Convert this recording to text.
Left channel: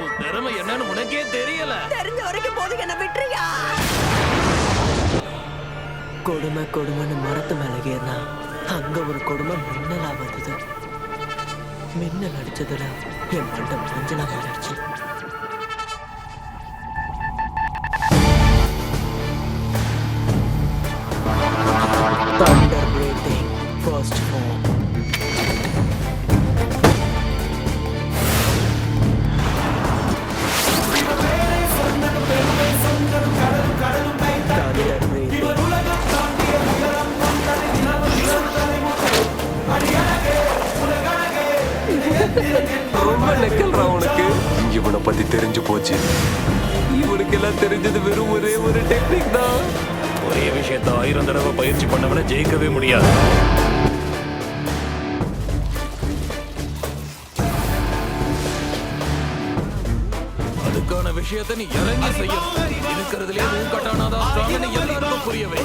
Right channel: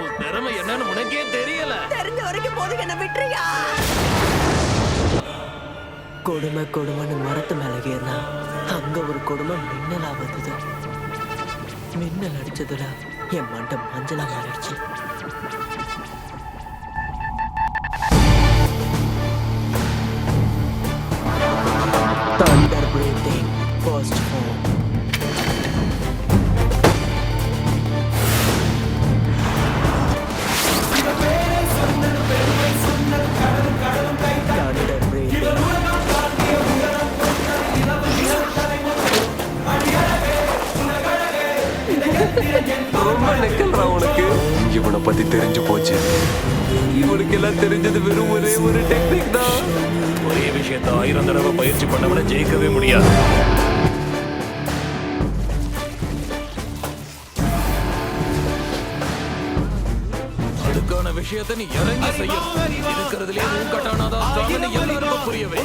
உன் திறமை என்னன்னு உனக்கே தெரியல. தெரிஞ்ச வரைக்கும் போதும், என்ன விட்டுறியா? கொடுமை கொடுமைன்னு மரத்து மேல ஏறினா அங்க ஒரு கொடுமை மின்னலா வந்தது. மின்னல் அடிச்சதுல என் மண்டம் மஞ்சளா மாறிடுச்சு. Thunder breathing, first form. Thunder breathing. ரொம்ப நெக்கல்றா உனக்கு. இவனை பத்தி தெரிஞ்சு போச்சு. இவனுக்கு எல்லாம் தெரிஞ்சது வெறும் ஒரே ஒரு டெக்னிக் தான். ஒரே விஷயத்தை 1000 தடவை பயிற்சி பண்ணவன ஜெயிக்கவே முடியாது. அதுக்கான விஷயத்தை நீ இறங்கி செய்யணும். இருக்கிறதுலே உன் கட்டானாதான் எல்லாருக்கும் புரியவே.